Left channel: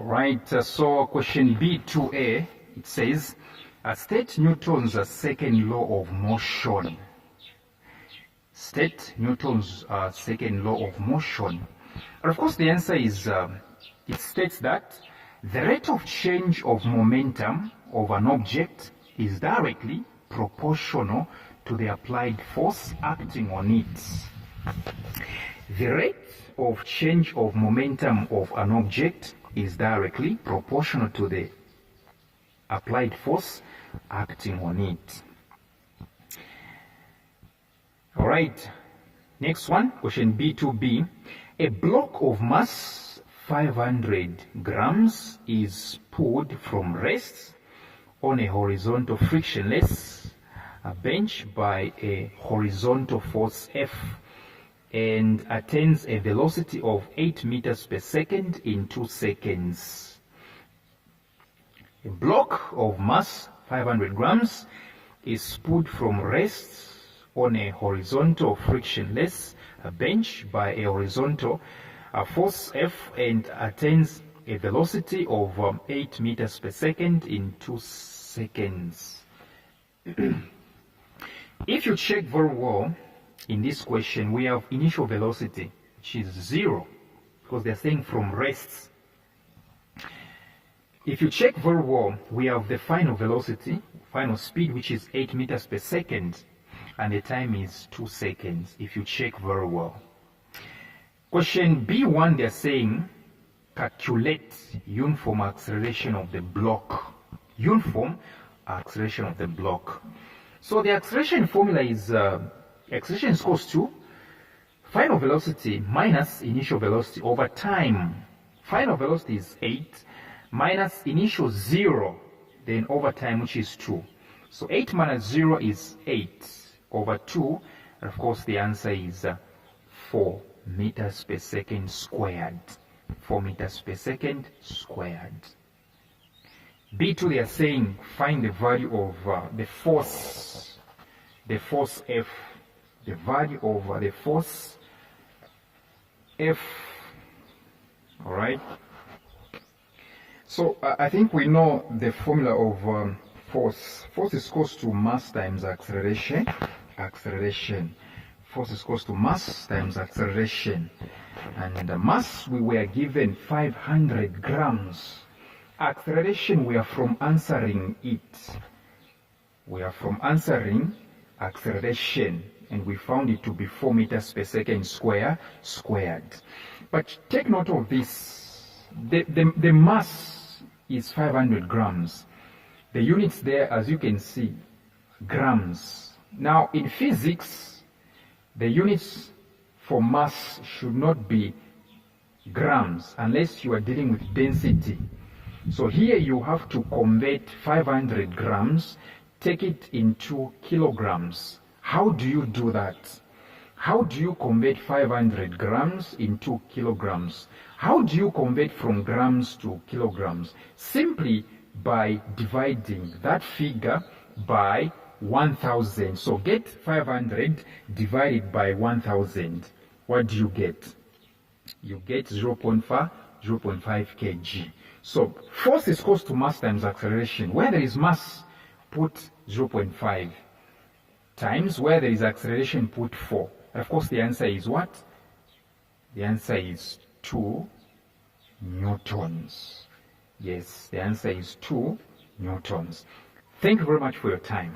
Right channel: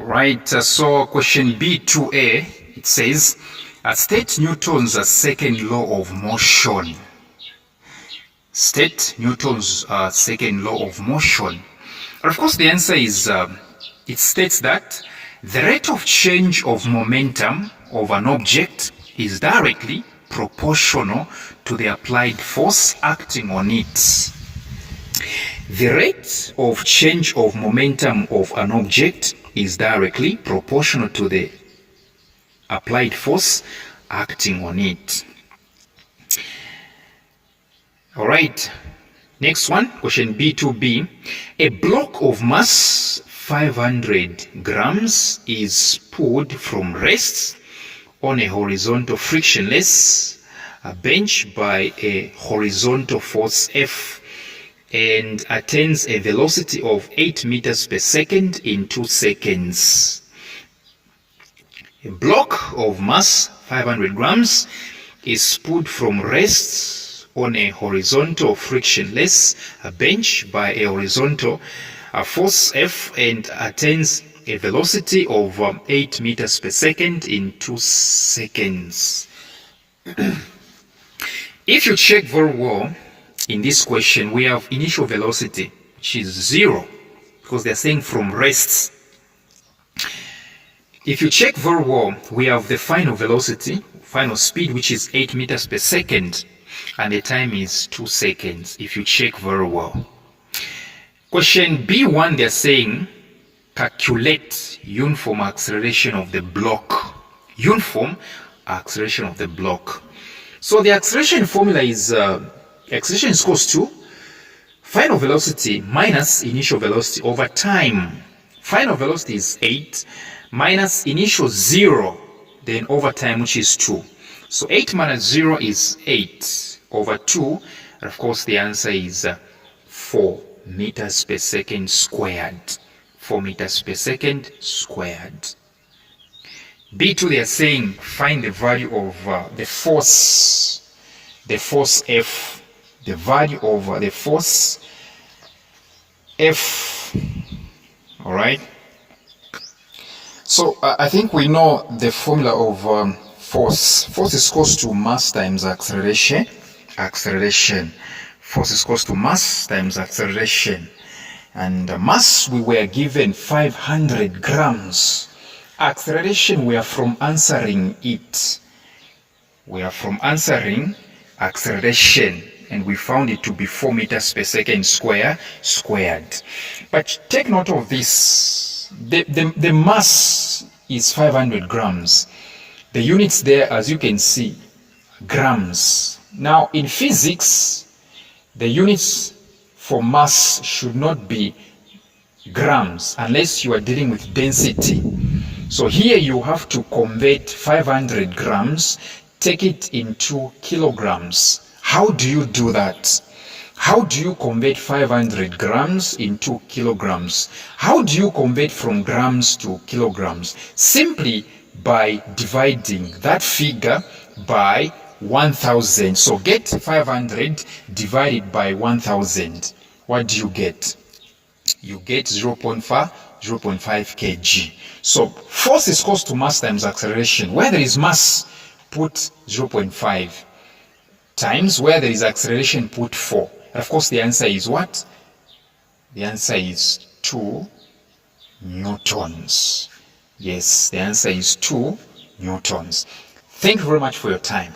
Right, so question B2A, it says, state Newton's second law of motion. State Newton's second law of motion. And of course, the answer is, it states that the rate of change of momentum of an object is directly proportional to the applied force acting on it. The rate of change of momentum of an object is directly proportional to the applied force acting on it. All right, next one, question B2B. A block of mass 500 grams is pulled from rest on a horizontal frictionless bench by a horizontal force F and attains a velocity of 8 meters per second in 2 seconds. A block of mass 500 grams is pulled from rest on a horizontal frictionless bench by a horizontal force F and attains a velocity of 8 meters per second in 2 seconds. If you check very well, in this question, we have initial velocity, which is 0, because they're saying from rest. If you check very well, we have the final velocity, final speed, which is 8 meters per second, and the time is 2 seconds, if you check very well. Question B1, they're saying, calculate uniform acceleration of the block. Uniform acceleration of the block. So the acceleration formula is, acceleration is equals to final velocity minus initial velocity over time. Final velocity is 8 minus initial 0, then over time, which is 2. So 8 minus 0 is 8 over 2. And of course, the answer is 4 meters per second squared. 4 meters per second squared. B2, they are saying find the value of the force F. The value of the force F. All right. So I think we know the formula of force. Force is equals to mass times acceleration. Acceleration. Force is equals to mass times acceleration. And mass, we were given 500 grams. Acceleration, we are from answering it. We are from answering acceleration. And we found it to be 4 meters per second squared. But take note of this. The mass is 500 grams. The units there, as you can see, grams. Now, in physics, the units for mass should not be grams unless you are dealing with density. So here you have to convert 500 grams, take it into kilograms. How do you do that? How do you convert 500 grams into kilograms? How do you convert from grams to kilograms? Simply by dividing that figure by 1000. So get 500 divided by 1000. What do you get? You get 0.5 kg. So force is equals to mass times acceleration. Where there is mass, put 0.5. times where there is acceleration, put 4. And of course, the answer is what? The answer is 2 newtons. Yes, the answer is 2 newtons. Thank you very much for your time.